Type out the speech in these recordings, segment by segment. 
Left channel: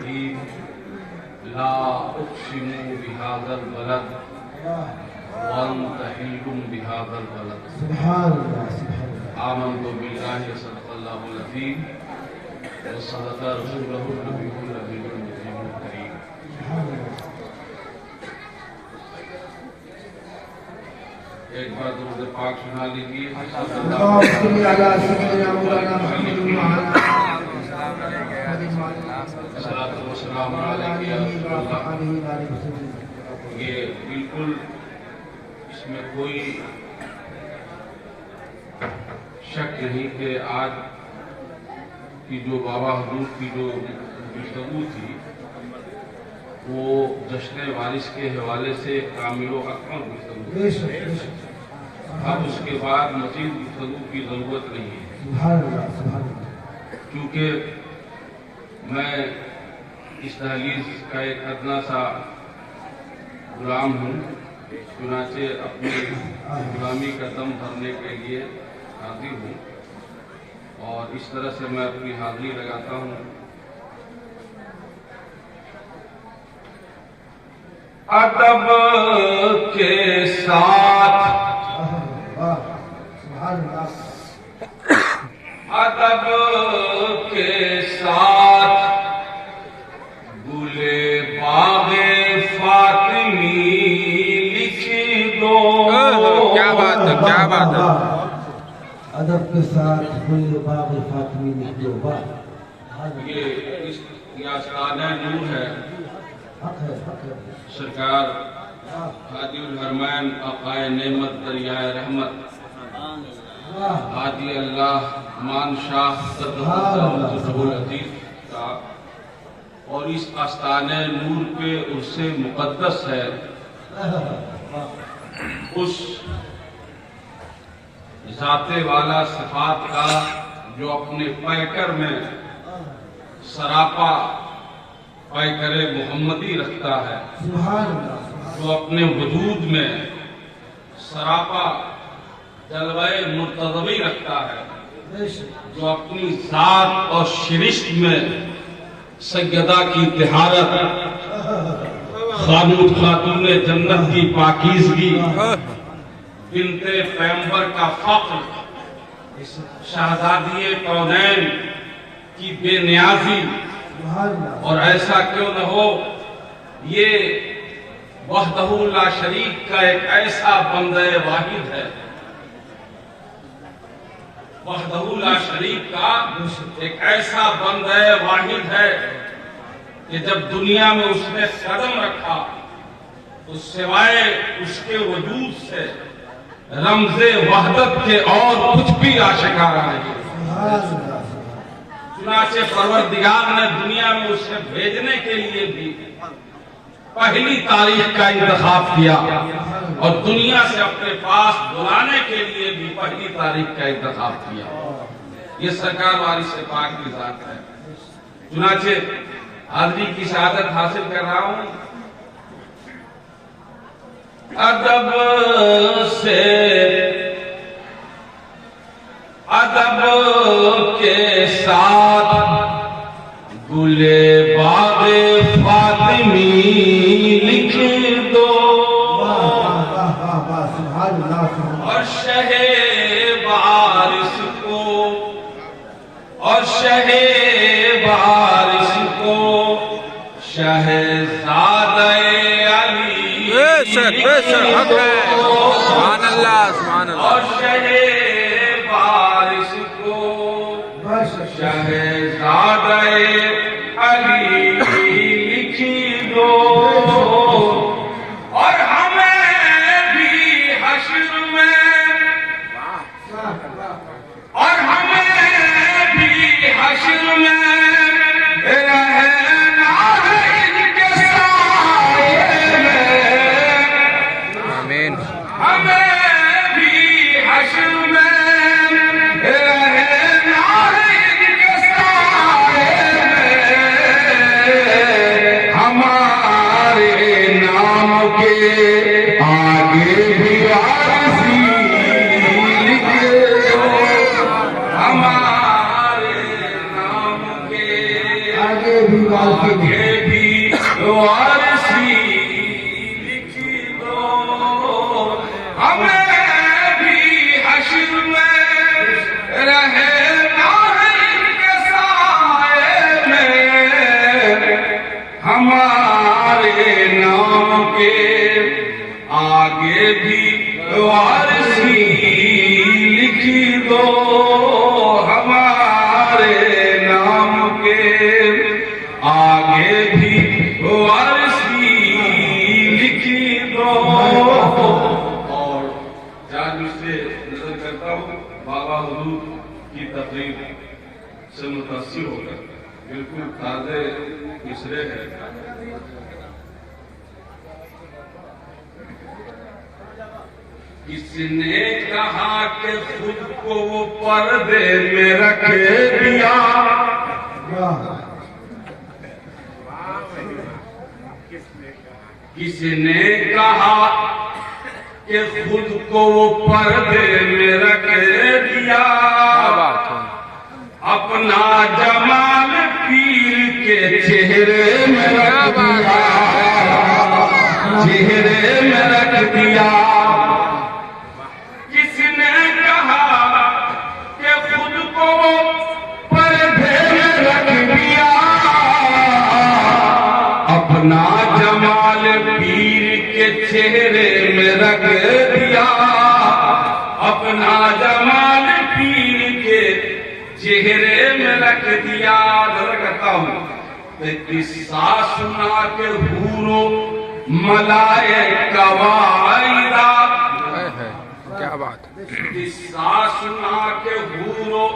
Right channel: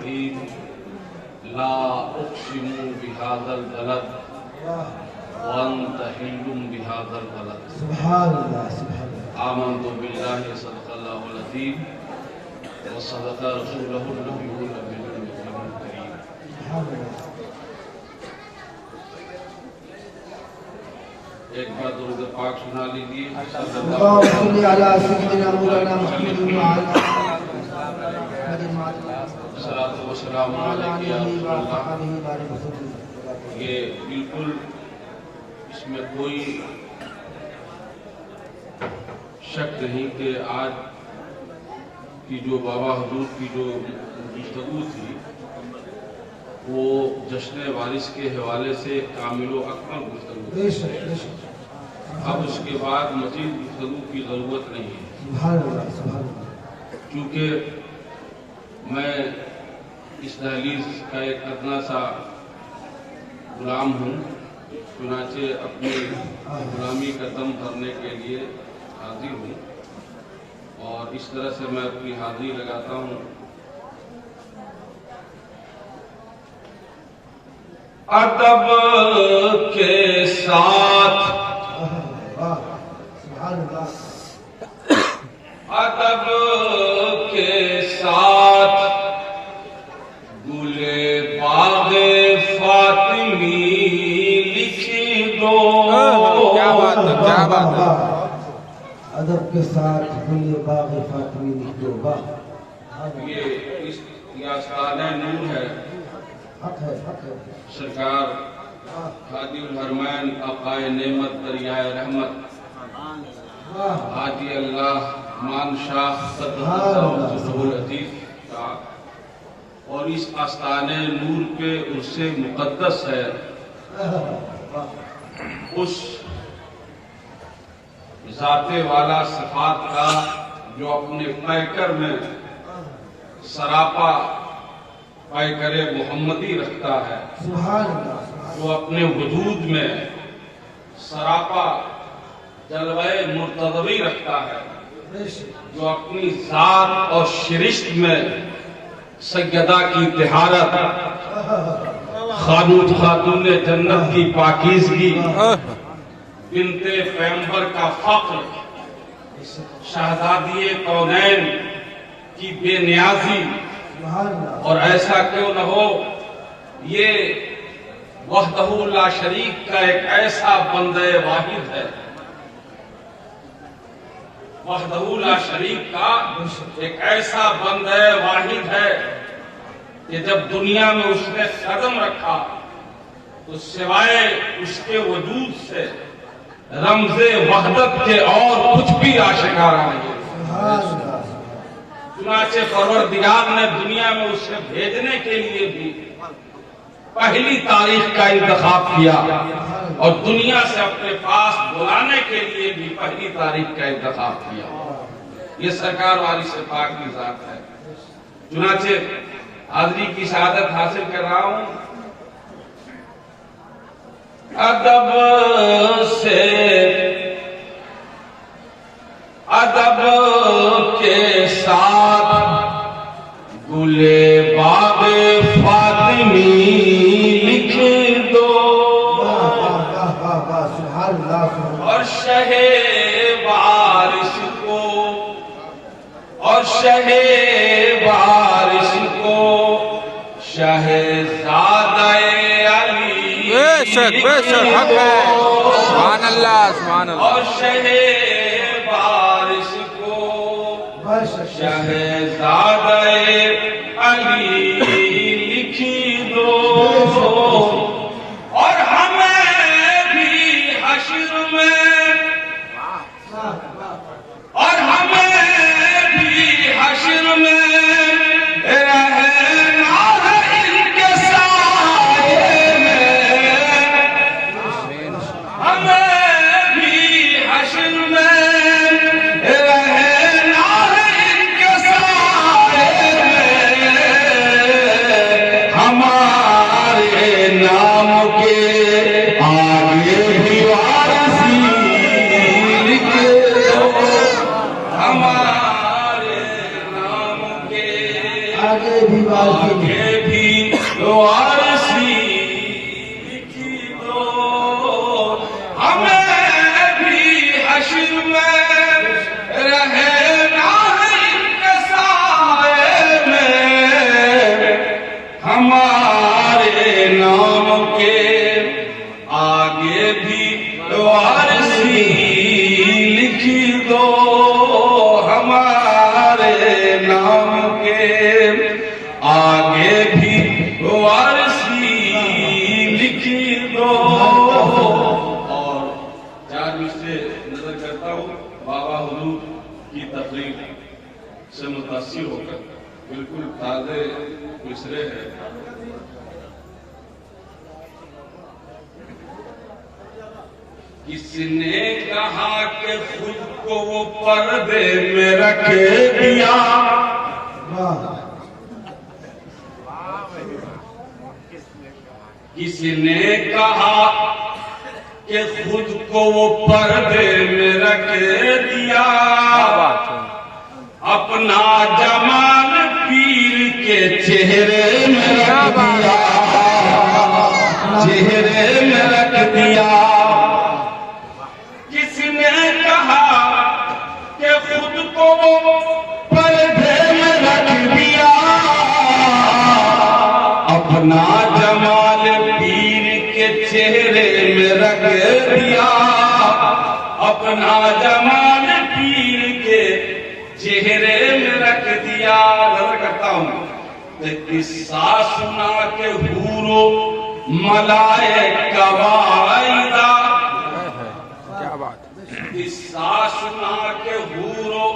الرحيم لا أقسم بهذا البلد وأنت حل بهذا البلد سبحان الله سبحان الله. آمنت بالله صدق الله العظيم وصدق رسوله النبي الكريم. سبحان الله. ایک بار درود پاک سنا لیجیے. اللهم صل على سيدنا مولانا محمد وعلى الصلاۃ والسلام علیک یا رسول اللہ. یہ بالکل اس میں کوئی شک نہیں کہ آج کی جو بابا حضور کی جو گفتگو تھی وہ جشن وارث کے حوالے سے کامل و اکمل گفتگو تھی. اب اس کے بعد مزید گفتگو کی ضرورت نہیں ہے کیونکہ میں اس دہلیز کا ایک ادنا سا غلام ہوں. چنانچہ اپنی غلامی کا دم بھرنے کے لیے حاضر ہوں اور اس طرح سے میں اپنی حاضری لگاتا ہوں. ادب کے ساتھ ادب کے ساتھ گلے باغ فاطمی لکھ دو. کیا بات ہے، کیا بات ہے. ادب کے ساتھ گلے باغ فاطمی لکھ دو. یہ آستانہ نور ہے. حق ہے حق ہے. سرکار حاجی الحرمین آقائے نعمت دریائے رحمت حاجی اللہ مان شاہ صدر العزیز کا اور اس آستانہ نور پہ عرص مقدس ہے. اس ذات والا صفات کا جو اپنے پیکر میں سراپا پیکر محمدی رکھتا ہے, جو اپنے وجود میں سراپا جلوہ مرتضوی رکھتا ہے, جو اپنی ذات اور شرشت میں سیدہ کی طہارت, خاتون جنت کی پاکیزگی, بنت پیغمبر کا فخر, شہزادی کونین کی بے نیازی, اور ایسا کیوں نہ ہو یہ وحدہ لا شریک کا ایک ایسا بندہ واحد ہے, وحدہ لا شریک کا ایک ایسا بندہ واحد ہے کہ جب دنیا میں اس نے قدم رکھا تو سوائے اس کے وجود سے رمز وحدت کے اور کچھ بھی آشکارا نہیں. چنانچہ پروردگار نے دنیا میں اسے بھیجنے کے لیے بھی پہلی تاریخ کا انتخاب کیا اور دنیا سے اپنے پاس بلانے کے لیے بھی پہلی تاریخ کا انتخاب کیا. یہ سرکار وارث پاک کی ذات ہے. چنانچہ حاضری کی شہادت حاصل کر رہا ہوں. ادب کے ساتھ گلے باغ فاطمی لکھ دو, اور شہ وارث کو شہزادہ علی سبحان اللہ سبحان اللہ. اور شہ وارث کو شہزادہ علی لکھ دو, اور ہمیں بھی حشر میں رہنا ان کے سائے میں, ہمیں بھی حشر میں رہنا ان کے سائے میں, ہمارے نام کے آگے بھی وارثی لکھ دو, ہمارے نام کے آگے بھی آگے بھی وارثی لکھی دو ہمیں بھی حشر میں رہنا ان کے سائے میں ہمارے نام کے آگے بھی وارثی لکھی دو ہمارے نام کے آگے بھی وارثی لکھی دو اور چار مجھے نظر کرتا ہوں بابا حضور کی تقریر سے متاثر ہو کر بالکل تازے مصرے ہیں کس نے کہا کہ خود کو وہ پردے میں رکھ دیا کس نے کہا کہ خود کو وہ پردے میں رکھ دیا اپنا جمال پیر کے چہرے میں رکھ دیا چہرے میں رکھ دیا کس نے کہا کہ خود کو پردے میں رکھ دیا اپنا جمال پیر کے چہرے میں رکھ دیا اپنا جمال پیر کے چہرے میں رکھ دیا نظر کرتا ہوں قصہ سنا کے حورو ملائکہ واعدہ کیا بات قصہ سنا کے حورو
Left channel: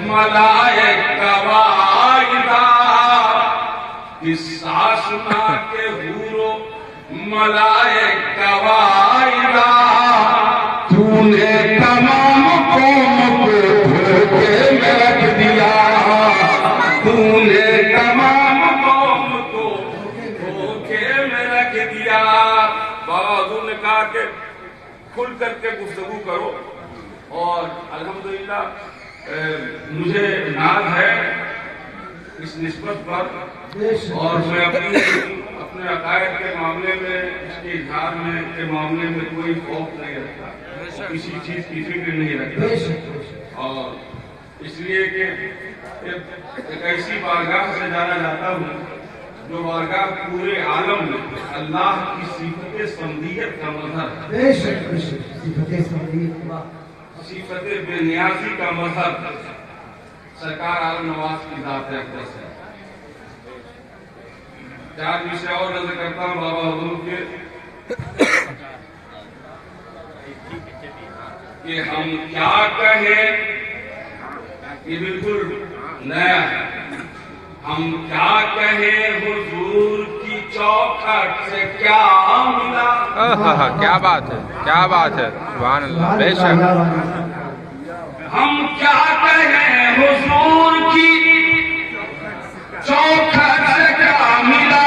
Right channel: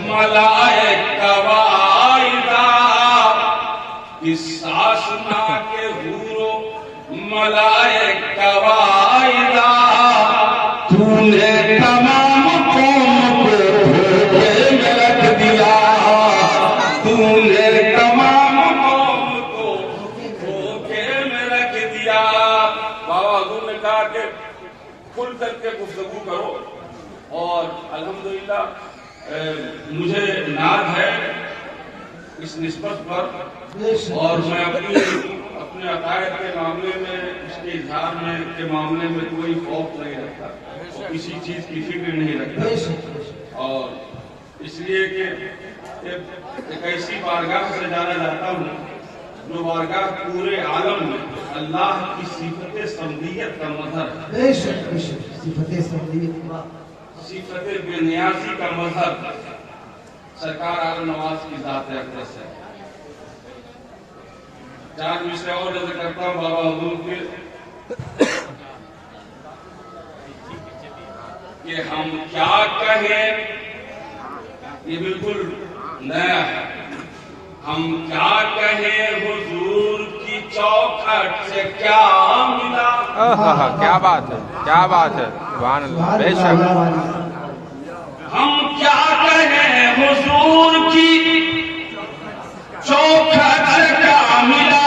ملائکہ واعدہ قصہ سنا کے حورو ملائکہ واعدہ تو نے تمام قوم کو دھوکے میں رکھ دیا تو نے تمام قوم کو دھوکے میں رکھ دیا بابا حضور نے کہا کہ کھل کر کے گفتگو کرو اور الحمدللہ مجھے ناز ہے اس نسبت پر اور میں اپنے عقائد کے معاملے میں اس کے اظہار میں کے معاملے میں کوئی خوف نہیں رکھتا کسی چیز کی فکر نہیں رکھتا اور اس لیے کہ ایک ایسی بارگاہ سے جانا جاتا ہوں جو بارگاہ پورے عالم میں اللہ کی صفت سمدیت کا مظہر ہے صفت بے نیازی کا مظہر سرکار عالم نواز کی ذات اقدس ہے چار مصرے اور نظر کرتا ہوں بابا حضور کے کہ ہم کیا کہیں یہ بالکل نیا ہے ہم کیا کہیں حضور کی چوکھٹ سے کیا ملا کیا بات ہے سبحان اللہ بے شک ہم کیا کہیں حضور کی چوکھٹ سے کیا ملا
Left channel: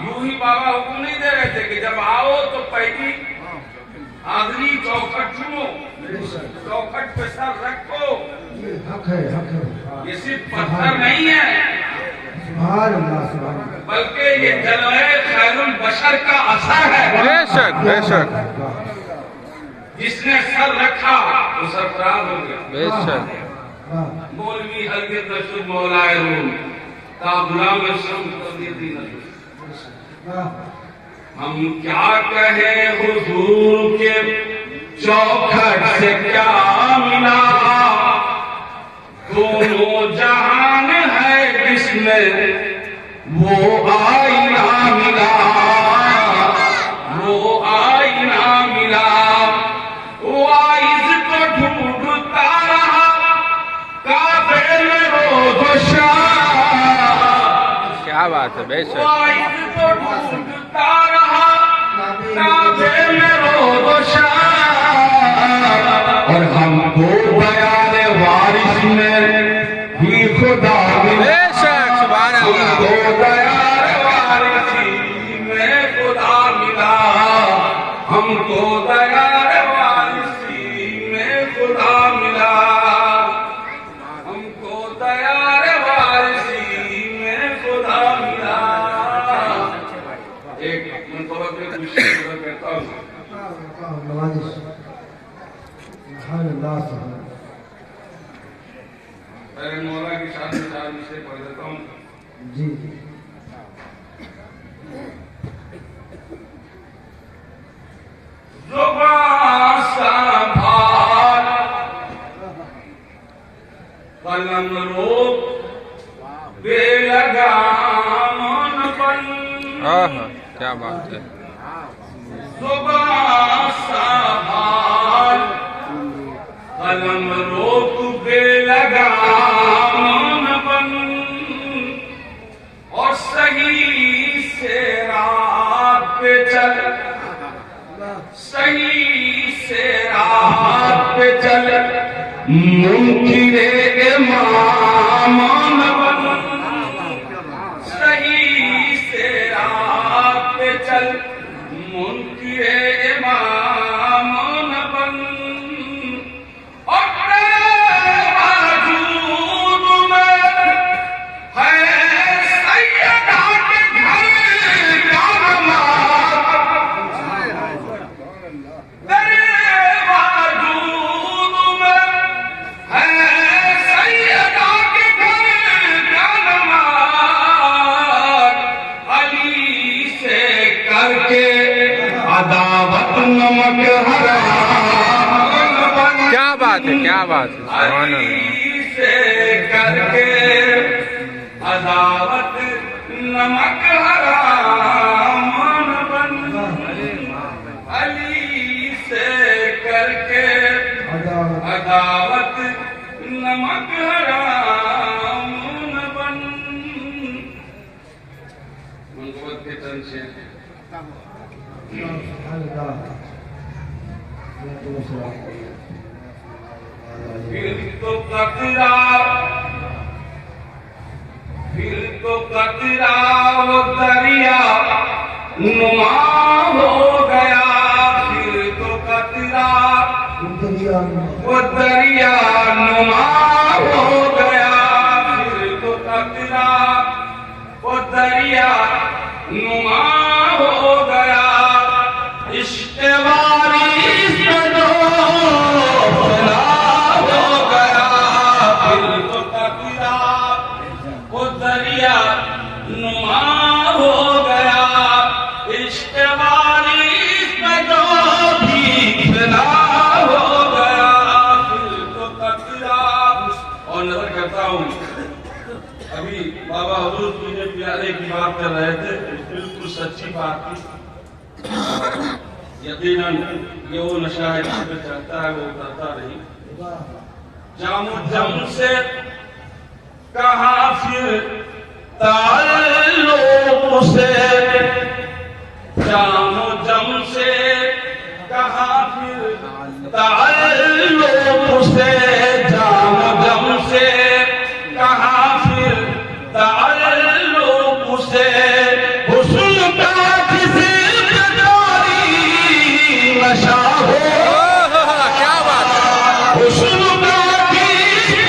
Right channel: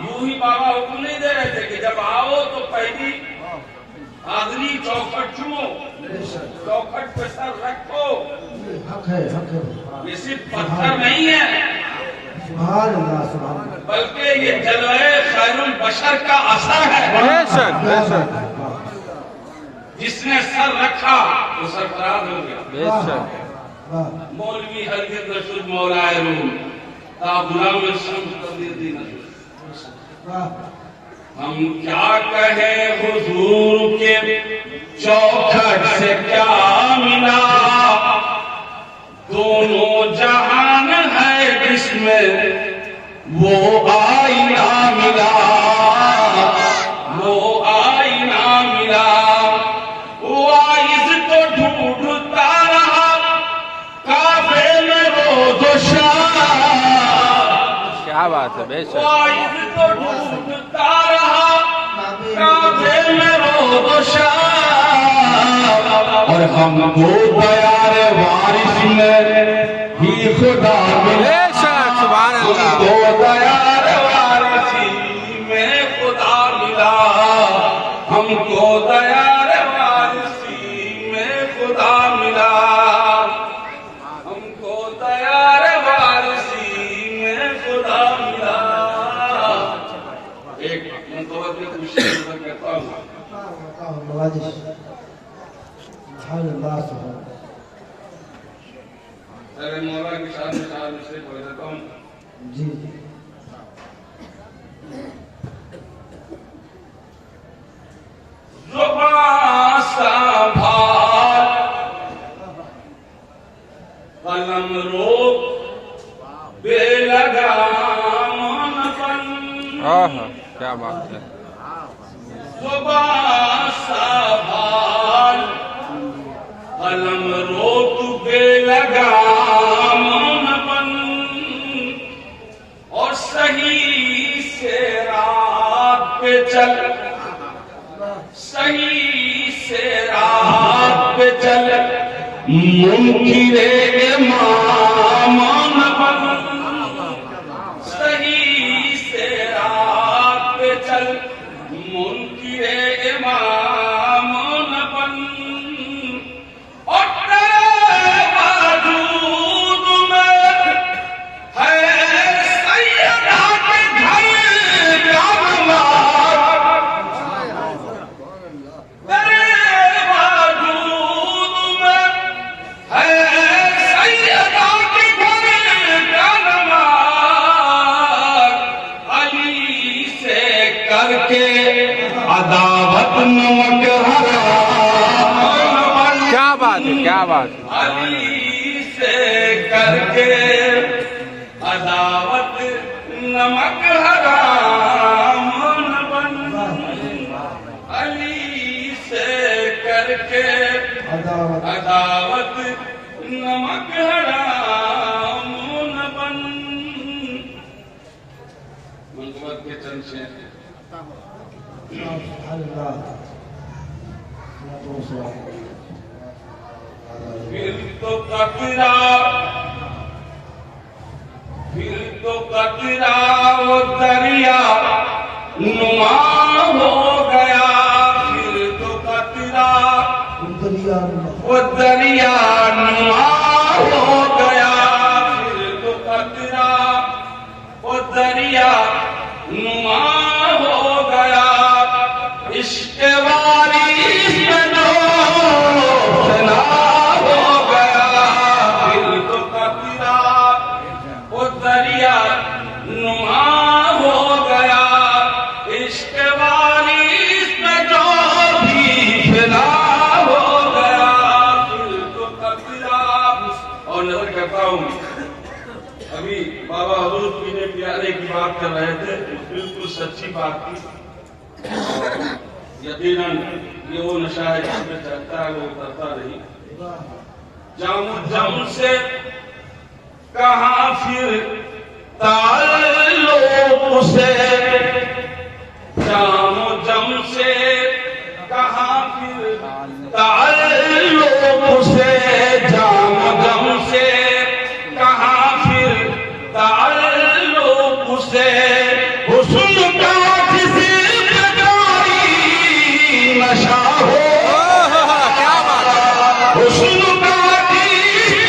یوں ہی بابا حکم نہیں دے رہے تھے کہ جب آؤ تو پہلی حاضری چوکھٹ چنو چوکھٹ پہ سر رکھو یہ صرف پتھر نہیں ہے بلکہ یہ جلوہ خیر البشر کا اثر ہے بے شک جس نے سر رکھا وہ سرفراز ہو گیا بے شک مولوی ہرگز نشد مولائے روم تا غلام شمس قدیری نشد ہم کیا کہیں حضور کے چوکھٹ سے کیا ملا دونوں جہان ہے جس میں وہ آئینہ ملا وہ آئینہ ملا وائز تو ڈھونڈتا رہا کعبے میں روز و شام کیا بات ہے بے شک وائز تو ڈھونڈتا رہا کعبے میں روز و شام اور ہم کو بیار وارث میں ہی خدا ملا ہم کو بیار وارثی میں خدا ملا ہم کو بیار وارثی میں خدا ملا ہم کو بیار وارثی نوازش ہر اللہ سے ہو. میرے مولا کے ساتھ میں 4 مصرے پڑھ دیتا ہوں. جی جی زبان سنبھال قلم روک بے لگام بن. کیا بات ہے. زبان سنبھال قلم روک بے لگام بن اور صحیح سے راہ پہ چل. صحیح سے راہ پہ چل منکر امام بن. صحیح سے راہ پہ چل منکر امام بن اور تیرے وجود میں ہے سیدہ کے گھر کا نماز. تیرے وجود میں ہے سیدہ کے گھر کا نماز. علی سے کر کے عداوت نمک حرام. کیا بات ہے. کیا بات ہے. سبحان اللہ. علی سے کر کے عداوت نمک حرام بن. علی سے کر کے عداوت نمک حرام بن. منقبت کے چند شعر اللہ. پھر تو قطرہ وہ دریا نما ہو گیا. پھر تو قطرہ وہ دریا نما ہو گیا. پھر تو قطرہ وہ دریا نما ہو گیا. عشق واریس میں جو فنا ہو گیا. پھر تو قطرہ وہ دریا نما ہو گیا. عشق واریس میں جو بھی فنا ہو گیا. پھر تو قطرہ. اور نظر کرتا ہوں ابھی بابا حضور پینے پیارے کی بات کر رہے تھے. بالکل سچی بات تھی. یقیناً یہ وہ نشہ ہے جس میں چڑھتا ہے وہ اترتا نہیں. جم سے کہاں پھر تعلق سے. جم سے کہاں پھر تعلق سے. جم سے کہاں پھر تعلق سے. حسن کا کسی نشہ ہو. کیا بات ہے. حسن کا کسی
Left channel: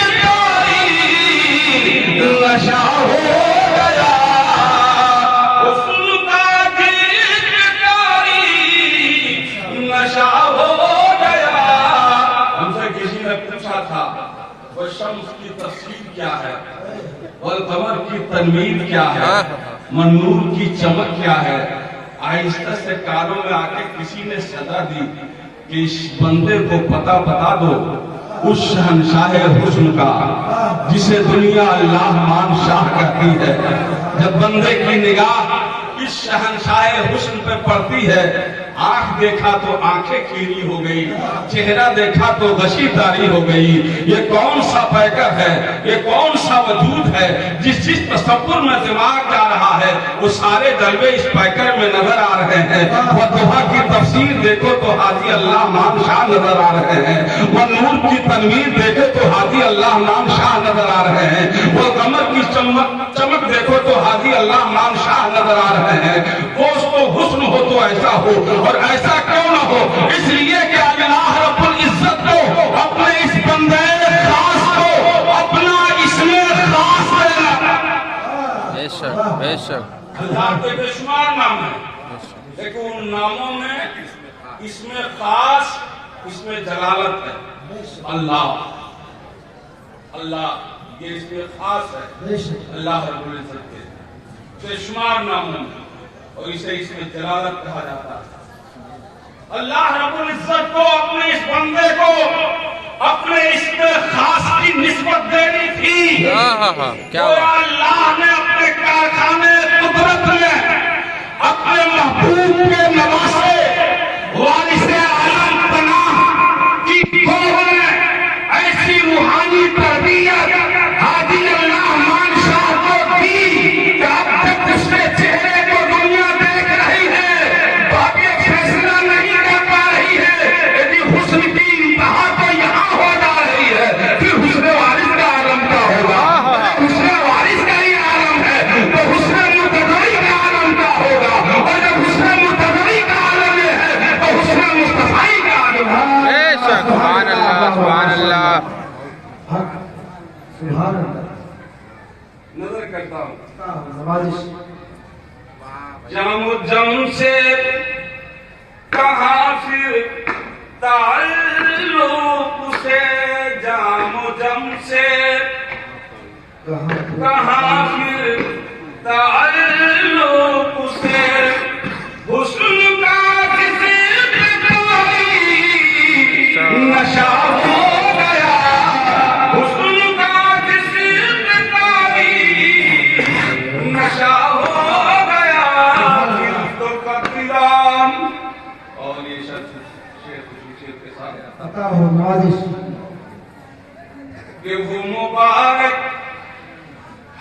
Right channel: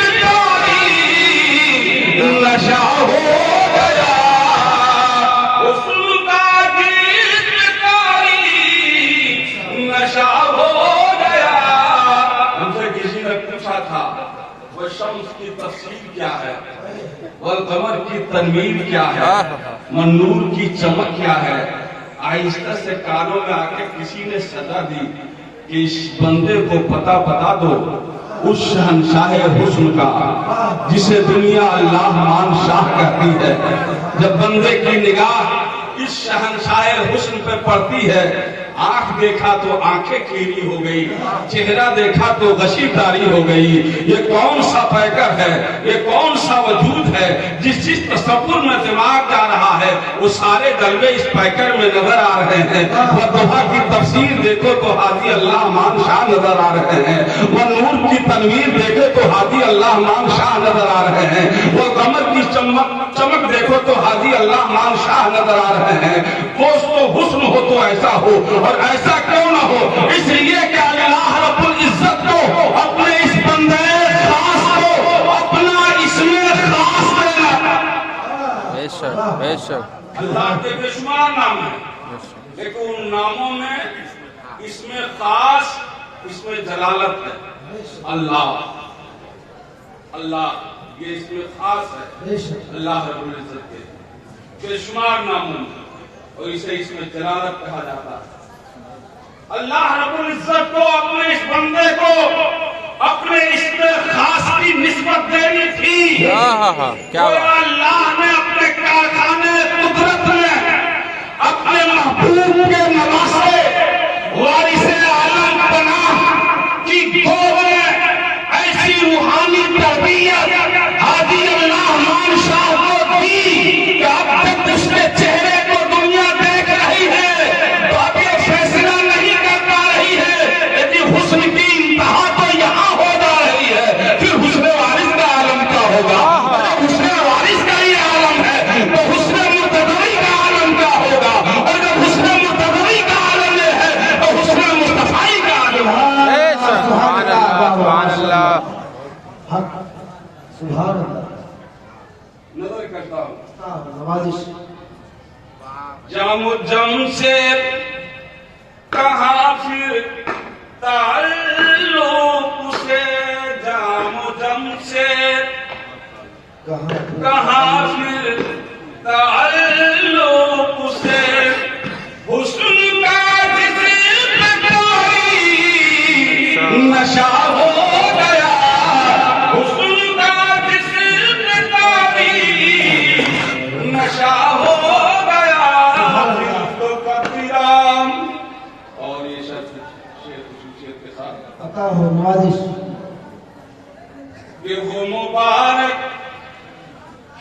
نشہ ہو گیا. حسن کا کسی نشہ ہو گیا. ہم سے کسی نے پوچھا تھا وہ شمس کی تفسیر کیا ہے, والقمر کی تنویر کیا ہے, منور کی چمک کیا ہے. آہستہ سے کانوں میں آ کے کسی نے صدا دی کہ اس بندے کو پتہ بتا دو اس شہنشاہ حسن کا جسے دنیا اللہ مان شاہ کہتی ہے. جب بندے کی نگاہ اس شہنشاہ حسن پہ پڑتی ہے, آنکھ دیکھا تو آنکھیں کیری ہو گئی, چہرہ دیکھا تو غشی تاری ہو گئی. یہ کون سا پیکر ہے, یہ کون سا وجود ہے جس تصور میں دماغ جا رہا ہے وہ سارے جلوے اس پیکر میں نظر آ رہے ہیں. وہ دوحہ کی تفسیر دیکھو تو حاجی اللہ مان شاہ نظر آ رہے ہیں. وہ نور کی تنویر دیکھو تو حاجی اللہ مان شاہ نظر آ رہے ہیں. وہ قمر کی چمک دیکھو تو حاجی اللہ مان شاہ نظر آ رہے ہیں. اس کو حسن ہو تو ایسا ہو, اور ایسا کیوں نہ ہو, اس لیے کہ اللہ رب العزت کو اپنے اس بندے خاص کو اپنا اسم خاص دینا. بے شک بے شک. اللہ کے بے شمار نام ہیں, لیکن ان ناموں میں اس میں خاص، اس میں جلالت ہے، اللہ اللہ، یہ اس میں خاص ہے اللہ رب العزت کے بے شمار ناموں میں، اور اسے اس میں جلالت کہا جاتا ہے۔ اللہ رب العزت کو اپنے اس بندے کو اپنے اس میں خاص کی نسبت دینی تھی، کیا اور بات، اللہ نے اپنے کارخانے قدرت میں اپنے محبوب کے نواسے وارث عالم پناہ کی گود میں ایسی روحانی تربیت حاجی اللہ مان شاہ کو دی کہ اب تک اس کے چہرے کو دنیا دیکھ رہی ہے، تو اب یہ فیصلہ نہیں کر پا رہی ہے، لیکن حسن کی انتہا تو یہاں ہو جا رہی ہے، پھر حسن وارث کا عالم کیا ہوگا؟ حسن وارث کا ہی عالم ہے تو حسن مرتضی کا عالم کیا ہوگا؟ اور جب حسن مرتضی کا عالم یہ ہے تو حسن مصطفی کا عالم ہے۔ بے شک، سبحان اللہ سبحان اللہ۔ حق سبحان اللہ۔ نظر کرتا ہوں نوازش جم جم سے کہاں پھر تعلق سے، جام جم سے کہاں پھر تعلق سے، حسن کا جسم کوئی نشہ ہو گیا، حسن کا جسم کوئی نشہ ہو گیا، پھر تو کبیرام، اور یہ شیخ کے ساتھ عطا ہو نوازش کہ وہ مبارک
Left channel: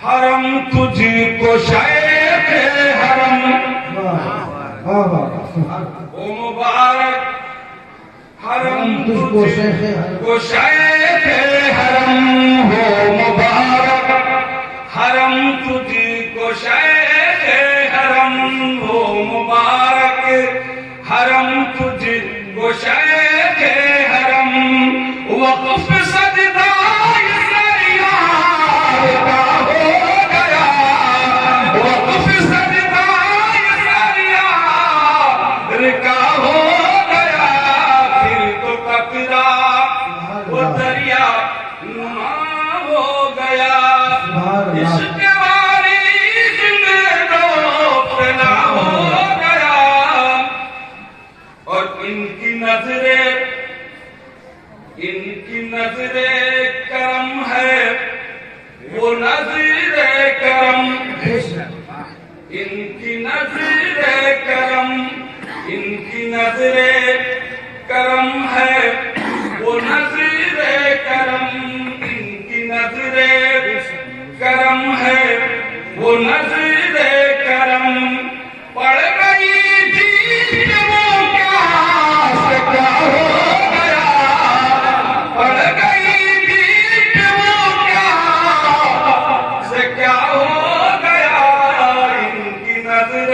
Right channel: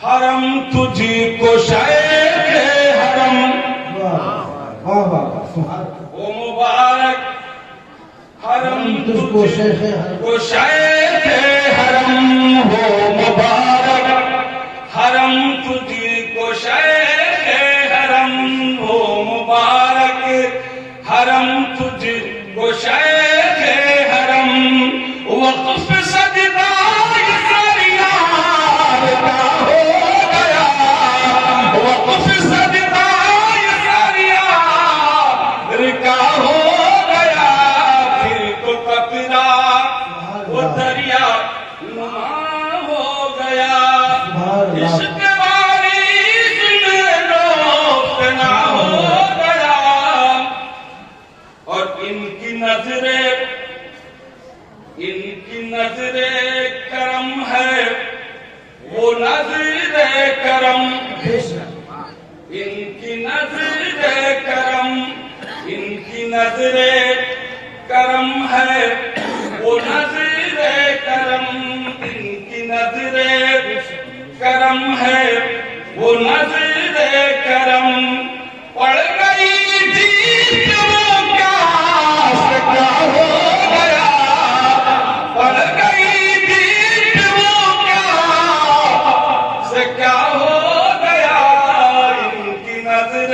حرم تجھی کو شیخ حرم، واہ واہ واہ سبحان اللہ۔ وہ مبارک حرم تجھ کو تجھی شیخ حرم، کو شیخ حرم، وہ مبارک حرم تجھی کو شیخ حرم، وہ مبارک حرم تجھی کو شیخ حرم، وقف سجدہ سریار کا ہو گیا، وقف سجدہ سریار کا ہو گیا، پھر تو قطرہ وہ دریا نما ہو گیا، عشق واریث میں لو فنا ہو گیا، اور ان کی نظر کرم ہے، وہ نظر کرم، ان کی نظر کرم، ان کی نظر کرم ہے، وہ نظر کرم، ان کی نظر کرم ہے، وہ نظر کرم، پڑ گئی جیت وہ کیا سے کیا ہو گیا، پڑ گئی جیت وہ کیا سے کیا ہو گیا، ان کی نظر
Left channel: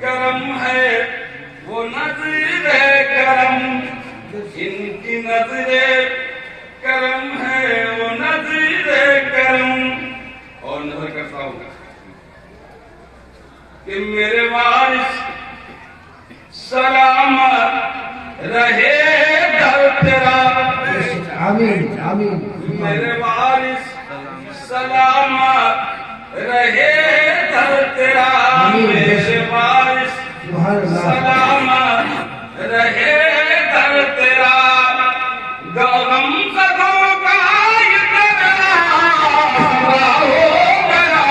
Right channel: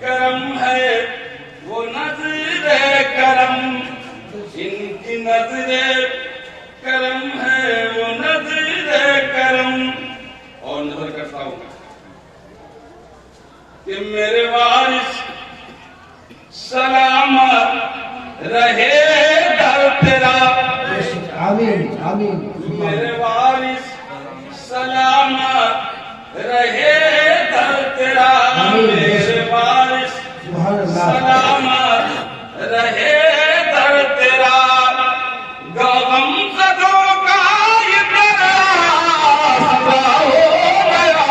کرم ہے، وہ نظر کرم، ان کی نظر کرم ہے، وہ نظر کرم، اور نظر کرتا ہوں کہ میرے وارث سلامت رہے در تیرا، آمین آمین میرے وارث سلامت رہے در تیرا، میرے وارث سبحان اللہ۔ سلامت رہے در تیرا، غم زدوں کا یہ تیرا سوا ہو گیا،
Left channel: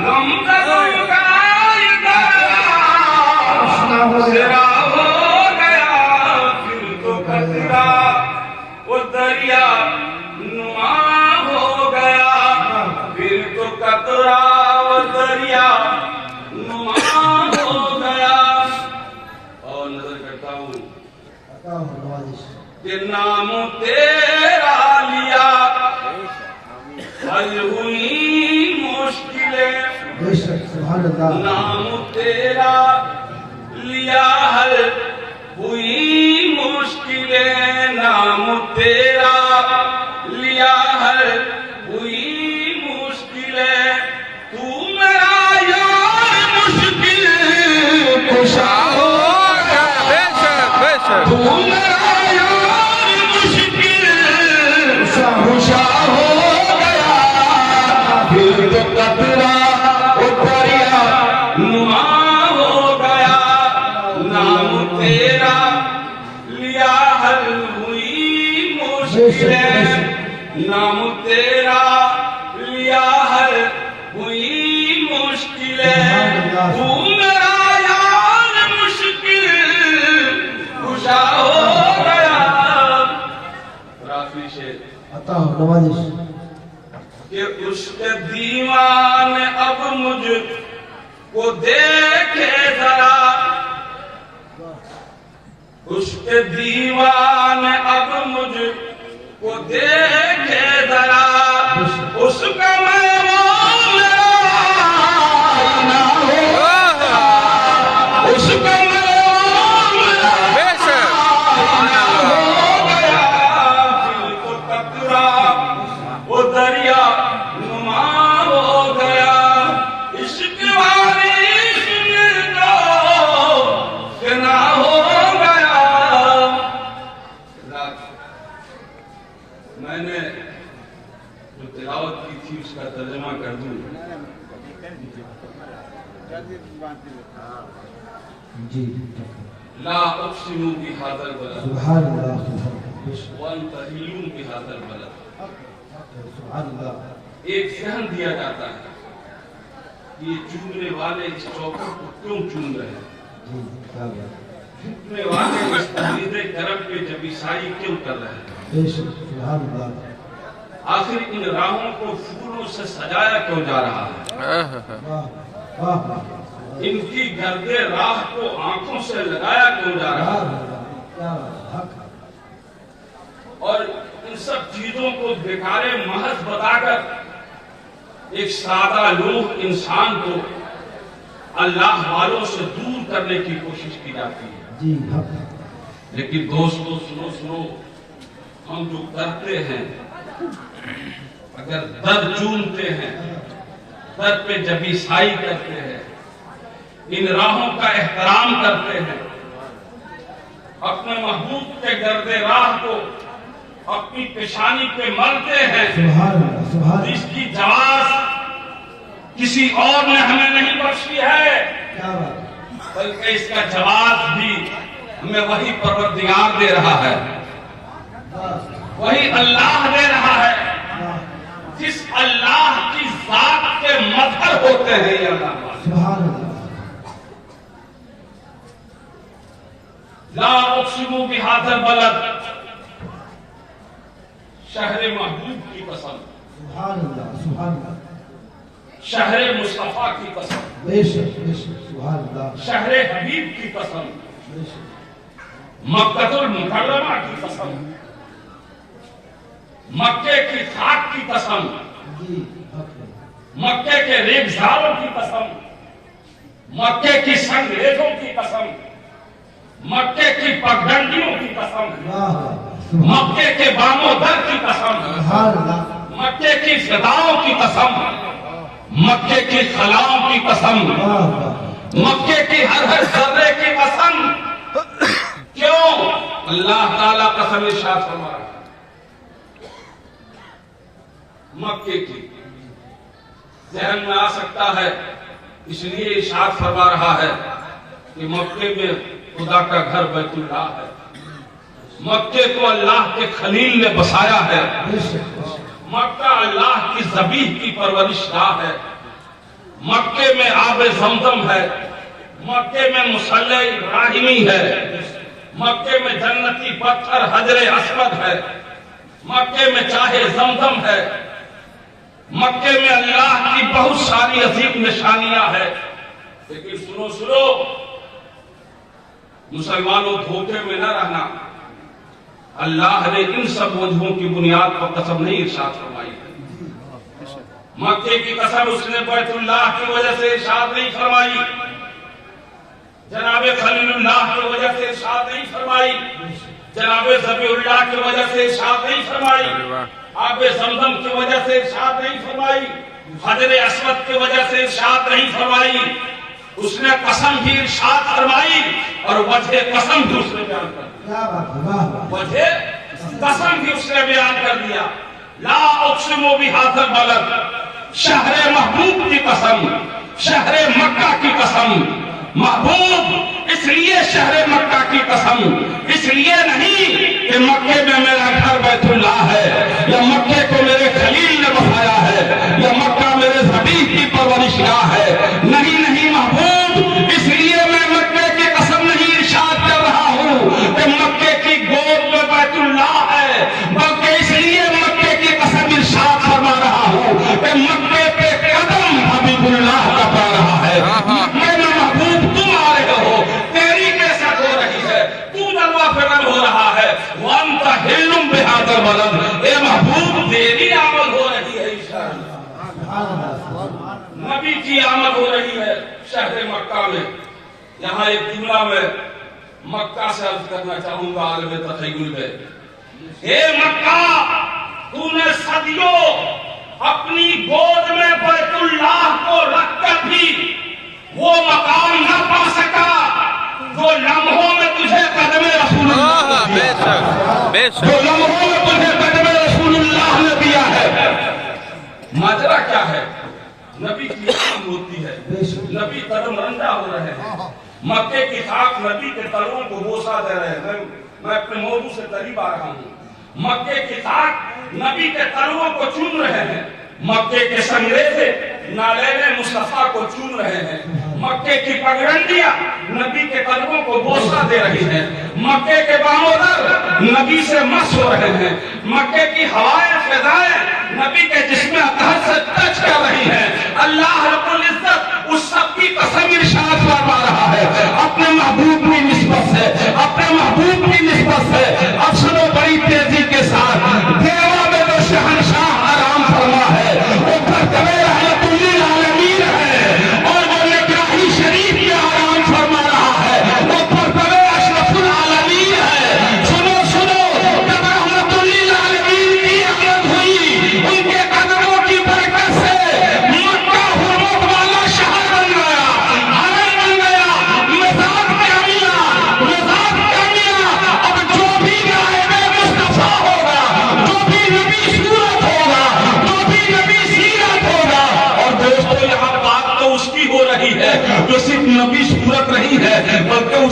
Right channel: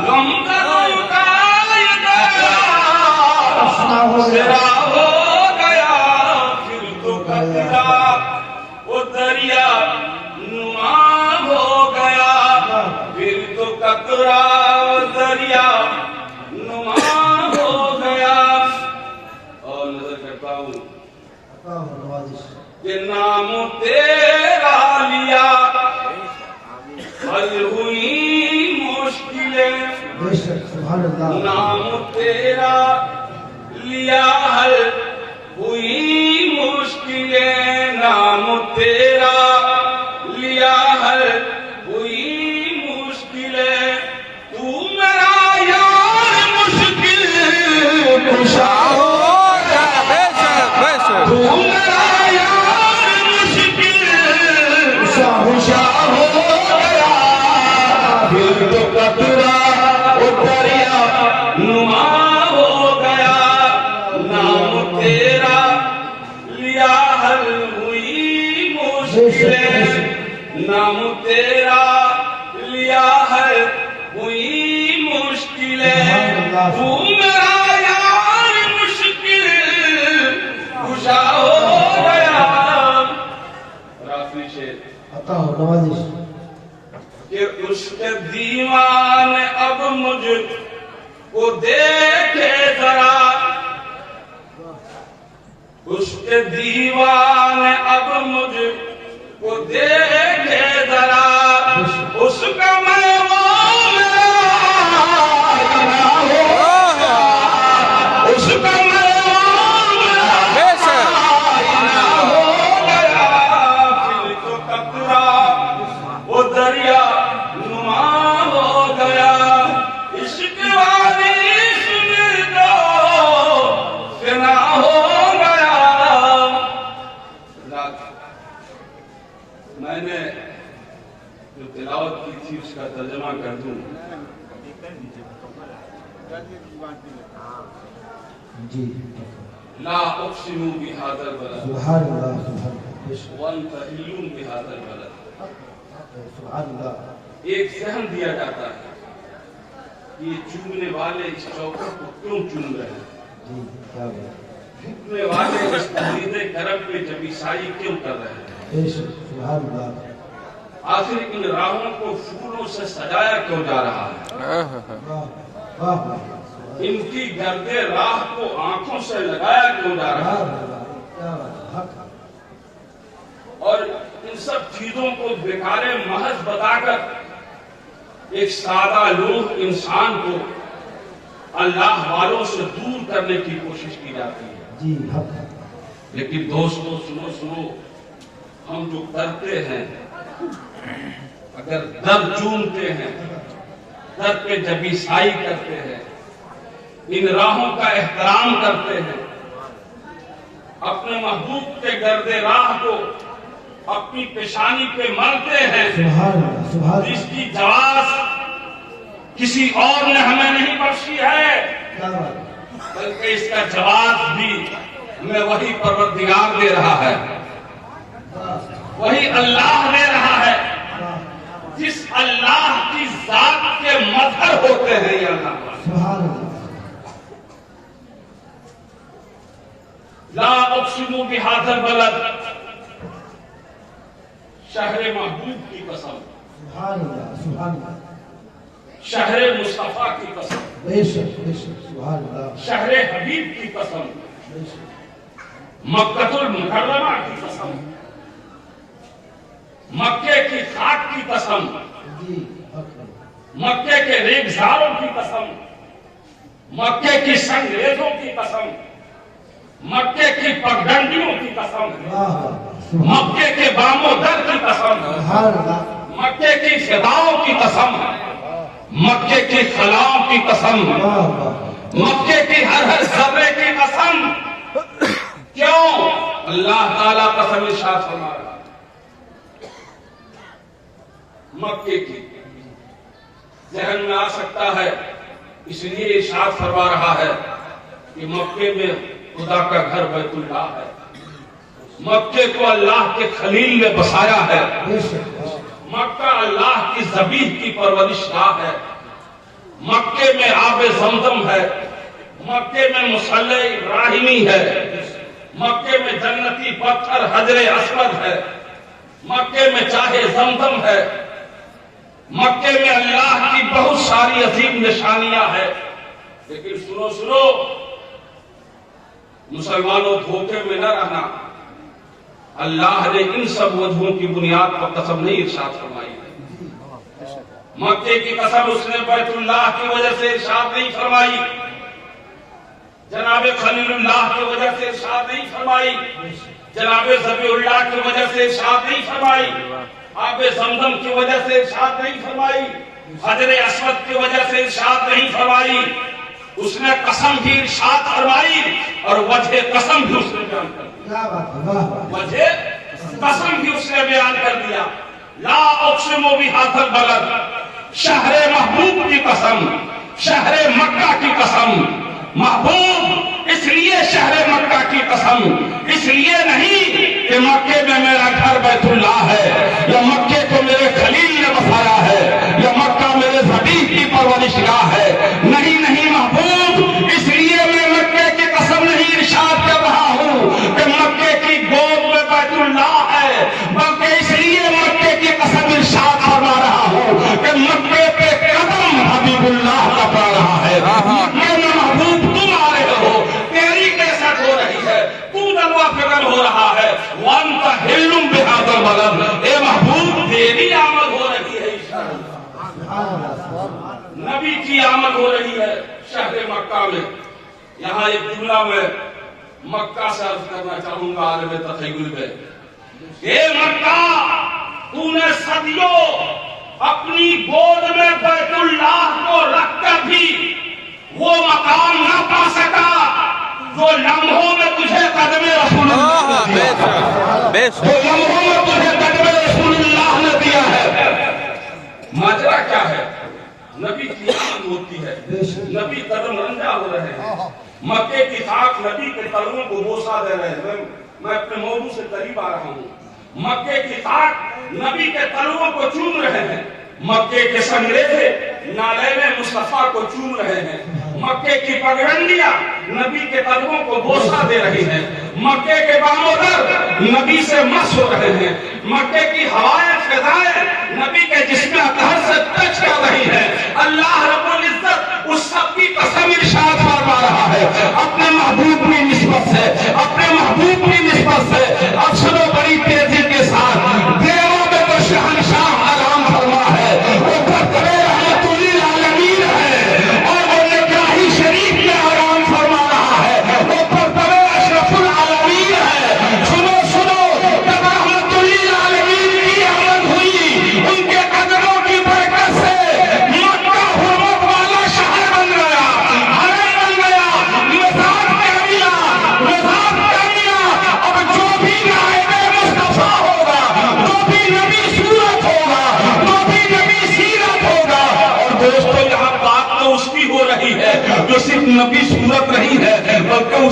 غم زدوں کا یہ تیرا سوا ہو گیا، پھر تو قطرہ وہ دریا نما ہو گیا، پھر تو قطرہ وہ دریا نما ہو گیا، اور نظر کرتا ہوں عطا ہو نوازش کہ نام تیرا لیا حل ہوئی مشکلیں، بے شک سبحان اللہ۔ نام تیرا لیا حل ہوئی مشکلیں، نام تیرا لیا حل ہوئی مشکلیں، تو میرا یار مشکل کشا ہو گیا، خوشا ہو گیا پھر تو قطرہ دریا نما ہو گیا نام تیرا لیا حل ہوئی مشکلیں نام تیرا لیا حل ہوئی مشکلیں تو میرا یار مشکل خوشا ہو گیا. آخری شعر عطا ہو نوازش. کہ اس کے دیوان اب مجھ کو دیکھے ذرا اس کے دیوان اب مجھ کو دیکھے ذرا اس کا میں وہ میرا نہ ہو اس کا میں وہ میرا نہ ہو گیا پھر تو قطرہ وہ دریا نما ہو گیا عشق والی سن لو فنا ہو گیا. میں نے جو تلاوت کی تھی اس کا ترجمہ کر دوں. جی لا اقسم بهذا البلد سبحان اللہ سبحان اللہ وانت حل بهذا البلد. سبحان اللہ. ایک ذہن دیا جاتا ہے کہ یہ چومنے والے اس چوکر کو کیوں چوم رہے ہیں, جی کیا بات. چومنے والے اس تحریر کرم پہ جبیسائی کیوں کر رہے ہیں, بے شک سبحان اللہ. آخر ان راہوں کو پھولوں سے سجایا کیوں جا رہا ہے, واہ واہ واہ. ان کی گرد راہ کو آنکھوں سے لگایا کیوں جا رہا ہے, کیا بات. حق اور ان سب چیزوں کو بیکار محض بتا کر ایک سادہ لوگ انسان کو اللہ والوں سے دور کرنے کی کوشش کی جاتی ہے. جی حق. لیکن دوستو سنو ہم جو کرتے ہیں اگر در چومتے ہیں در پہ جبیسائی کرتے ہیں ان راہوں کا احترام کرتے ہیں اپنے محبوب کے گرد راہ کو اپنی پیشانی پہ ملتے ہیں سبحان اللہ سبحان اس کی جواز کسی اور نے ہمیں نہیں بخشی ہے کیا بات. بلکہ اس کا جواز بھی ہمیں وہی پروردگار دے رہا ہے, وہی اللہ دے رہا ہے جس اللہ کی ذات کے مظہر ہوتے ہیں یہ اللہ. سبحان اللہ. لا اقسم بهذا البلد شہر محبوب کی قسم سبحان اللہ سبحان اللہ. شہر مصطفیٰ کی قسم بے شک سبحان اللہ. شہر حبیب کی قسم بے شک. مکہ المکرمہ کی قسم مکے کی خاک کی قسم جی حق. مکے کے ریگزاروں کی قسم مکے کی سنگریزوں کی قسم مکے کی پگڈنڈیوں کی قسم واہ واہ. مکے کے بام و در کی قسم سبحان اللہ. مکے کی فضاؤں کی قسم مکے کی خلاؤں کی قسم واہ واہ. مکے کی ہر ذرے کی قسم. کیوں اللہ تعالیٰ قسم ارشاد فرما رہا ہے مکے کی. ذہن میں آ سکتا ہے اس لیے ارشاد فرما رہا ہے کہ مکے میں خدا کا گھر بیت اللہ ہے, مکے کو اللہ کے خلیل نے بسایا ہے, بے شک مکہ اللہ کی ذبیح کی پرورش گاہ ہے, مکے میں آب زمزم ہے, مکے میں مصلی ابراہیمی ہے, مکے میں جنتی پتھر حجر اسود ہے, مکے میں چاہے زمزم ہے, مکے میں اللہ کی بہت ساری عظیم نشانیاں ہیں. لیکن سنو مسلمانوں دھوکے میں نہ رہنا. اللہ نے ان سب وجہوں کی بنیاد پر قسم نہیں ارشاد فرمائی ہے. مکے کی قسم اس نے بیت اللہ کی وجہ سے ارشاد نہیں فرمائی, جناب خلیل اللہ کی وجہ سے ارشاد نہیں فرمائی, جناب ذبیح اللہ کی وجہ سے ارشاد نہیں فرمائی, آب زمزم کی وجہ سے ارشاد نہیں فرمائی, حجر اسود کی وجہ سے ارشاد نہیں فرمائی, اس نے قسم بھی ارشاد فرمائی اور وجہ قسم بھی اس نے بیان کر دیا. کیا بات ہے، واہ واہ. وجہ قسم بھی اس نے بیان کر دیا. لا اقسم بہذا البلد، شہر محبوب کی قسم، شہر مکہ کی قسم. محبوب اس لیے شہر مکہ کی قسم، اس لیے نہیں کہ مکے میں میرا گھر بیت اللہ ہے، یا مکے کو میرے خلیل نے بسایا ہے، یا مکہ میرے حبیب کی پرورش گاہ ہے. نہیں نہیں محبوب، اس لیے میں مکے کی قسم نہیں ارشاد کر رہا ہوں کہ مکے کی گود میں بیت اللہ ہے، بلکہ اس لیے مکے کی قسم ارشاد فرما رہا ہوں کہ مکے پہ قدم حبیب اللہ کا پا رہا ہے. مکے میں محبوب تم آ رہے ہو، تیری کیسٹ ہو رہی ہے، تو جلوہ فکر ہو رہا ہے. وانت حلم بہذا البلد، اے محبوب تیری آمد ہو رہی ہے. نبی کی آمد ہو رہی ہے شہر مکہ میں. یہاں ایک جملہ میں مکہ سے عرض کرنا چاہوں گا عالم تخیل میں. اے مکہ، تو نے صدیوں اپنی گود میں بیت اللہ کو رکھ کر بھی وہ مقام نہ پا سکا جو لمحوں میں تجھے قدم رسول اللہ نے دیا، جو لمحوں میں تجھے قدم رسول اللہ نے دیا ہے. ماجرا کیا ہے؟ نبی کی آمد ہوتی ہے، نبی قدم رنجا ہو رہے ہیں، مکے کی خاک نبی کے تلووں کو بوسا دے رہے ہیں. میں اپنے موضوع سے قریب آ رہا ہوں. مکے کی خاک نبی کے تلووں کو چوم رہے ہیں، مکے کے سنگریزے نالین مصطفیٰ کو چوم رہے ہیں، مکے کی پگڈنڈیاں نبی کے قدموں کو بوسا دے رہی ہیں، مکے کے بام و در نبی سے مس ہو رہے ہیں، مکے کی ہوائیں فضائیں نبی کے جسم اطہر سے ٹچ کر رہی ہیں. اللہ رب العزت اس سب کی قسم ارشاد فرما رہا ہے اپنے محبوب کی نسبت سے، اپنے محبوب کی نسبت سے. اب سنو بڑی تیزی کے ساتھ، دیوا میں تو شہنشاہ آرام فرما ہے، وہ برتبے رحمت للعالمین ہے، اور وہ نگراہی شریف میں آرام فرما رہا ہے، وہ برتبے اشرف العالمین ہے. سنو سنو، جب رحمت للعالمین کی آمد ہوئی، ان کے قدموں کی برکت سے مکہ حرمت والا شہر بن گیا، حرم بن گیا، مزار کیا ملا، مزار کیا ملا. اب جو بھی نائب مصطفیٰ ہوگا، جو بھی نبی صورت ہوگا، جو بھی نبی سیرت ہوگا. اور دوستو یہاں بات تو اس کی ہو رہی ہے جو صرف نبی صورت نہیں ہے، بلکہ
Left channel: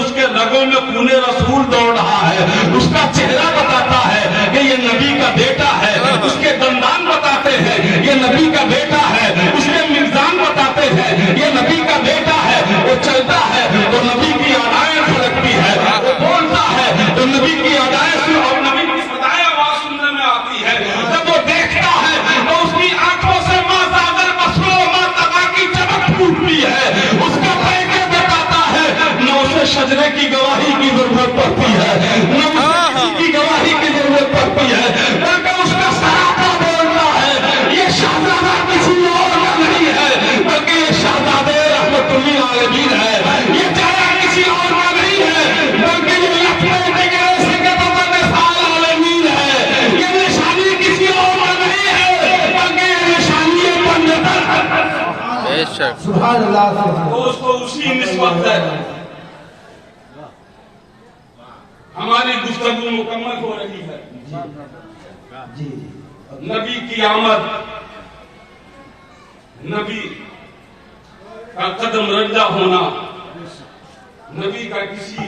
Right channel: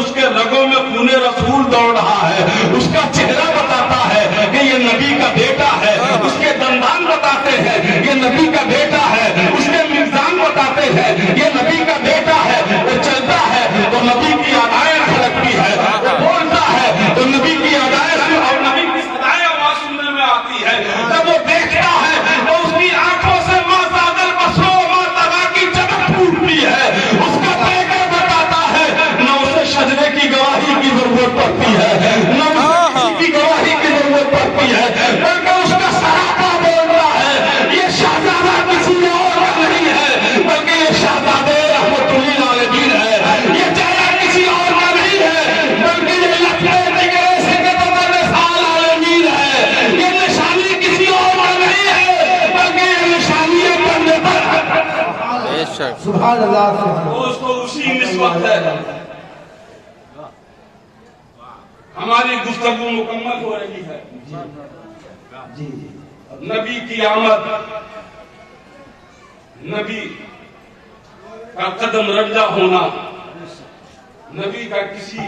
اس کے رگوں میں خون رسول دوڑ رہا ہے. اس کا چہرہ بتاتا ہے کہ یہ نبی کا بیٹا ہے، اس کے دندان بتاتے ہیں یہ نبی کا بیٹا ہے، اس کے میزان بتاتے ہیں یہ نبی کا بیٹا ہے. وہ چلتا ہے تو نبی کی ادائیں کھڑکتی ہے، وہ بولتا ہے تو نبی کی ادائیں اور نبی کی صدائیں آواز سننے میں آتی ہے. جب وہ دیکھتا ہے تو اس کی آنکھوں سے ماں زاغر بسرو ماں تغا کی چمک پھوٹتی ہے. اس کا پیکر بتاتا ہے نہ اسے شجرے کی گواہی کی ضرورت پڑتی ہے، نہ اسے کسی کی گواہی کی ضرورت پڑتی ہے، بلکہ اس کا سراپا بولتا ہے یہ شہزادہ کسی اور کا نہیں ہے، بلکہ یہ شہزادہ رحمت للعالمین ہے. یہ چہرہ کسی اور کا نہیں ہے، بلکہ یہ لفظ دیگر سے کے بدل سال عالمین ہے. یہ نشانی کسی اور کا نہیں ہے، بلکہ یہ نشانی بندے پر ہے. سبحان اللہ. سبحان دوستو اسی نسبت ہے ہماری گفتگو مکمل ہو رہی ہے. جی. نبی کی آمد، نبی کا قدم رنجا ہونا، نبی کا کسی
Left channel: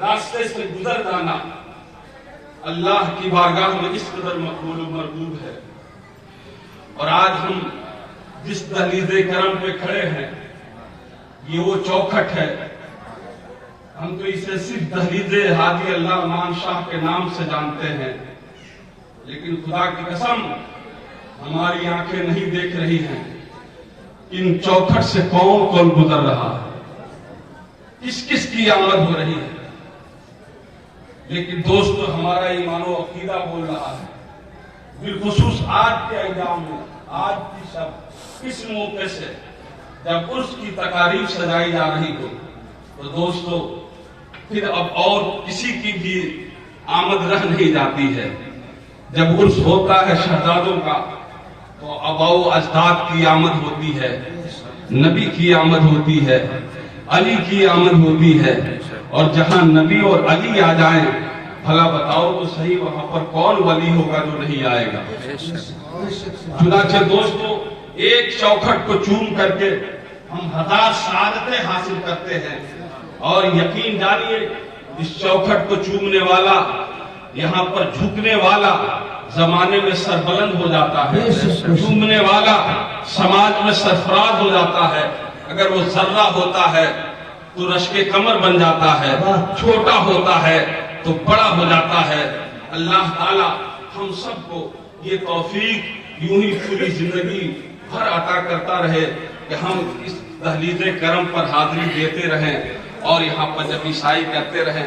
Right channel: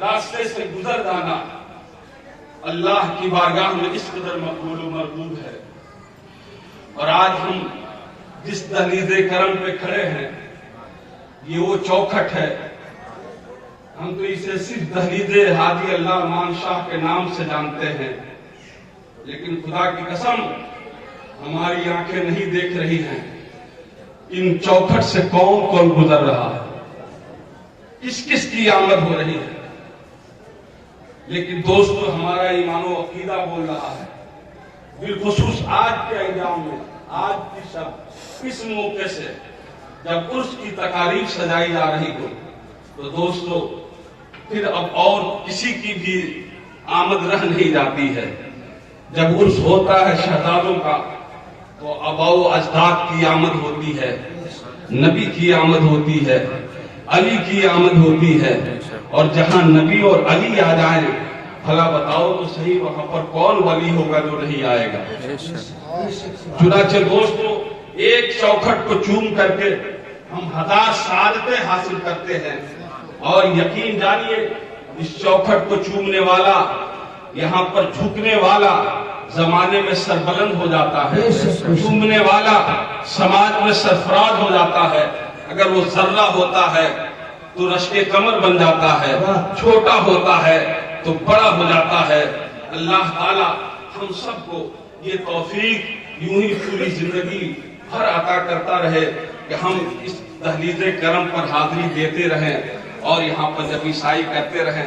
راستے سے گزر جانا اللہ کی بارگاہ میں اس قدر مقبول و مرغوب ہے. اور آج ہم جس دہلیز کرم پہ کھڑے ہیں یہ وہ چوکھٹ ہے. ہم تو اسے صرف دہلیز ہادی اللہ امان شاہ کے نام سے جانتے ہیں، لیکن خدا کی قسم ہماری آنکھیں نہیں دیکھ رہی ہیں ان چوکھٹ سے کون کون گزر رہا ہے، کس کس کی آمد ہو رہی ہے. لیکن دوستو ہمارا ایمان و عقیدہ بول رہا ہے، بالخصوص آج کے ایام میں، آج کی شب اس موقع سے جب عرس کی تقاریب سجائی جا رہی ہو، تو دوستو پھر اب اور کسی کی بھی آمد رہ نہیں جاتی ہے. جب عرس ہوتا ہے شہزادوں کا تو آباؤ اجداد کی آمد ہوتی ہے. نبی کی آمد ہوتی ہے، علی کی آمد ہوتی ہے، اور جہاں نبی اور علی آ جائیں بھلا بتاؤ تو صحیح وہاں پر کون ولی ہوگا جو نہیں آئے گا؟ چنانچہ دوستو ایک چوکھٹ کو چوم کر کے ہم 1000 سعادتیں حاصل کرتے ہیں، اور یقین جانیے اس چوکھٹ کو چومنے والا، یہاں پر جھکنے والا زمانے میں سربلند ہو جاتا ہے، چومنے والا سماج میں سرفراز ہو جاتا ہے۔ اگر وہ ذرہ ہوتا ہے تو رشک کمر بن جاتا ہے، چھوٹا ہوتا ہے تو بڑا ہو جاتا ہے۔ اللہ تعالی ہم سب کو یہ توفیق یوں ہی پوری زندگی بھر عطا کرتا رہے کہ ہم اس دہلیز کرم پر حاضری دیتے رہیں اور یہاں پر جب عیسائی کرتے رہیں۔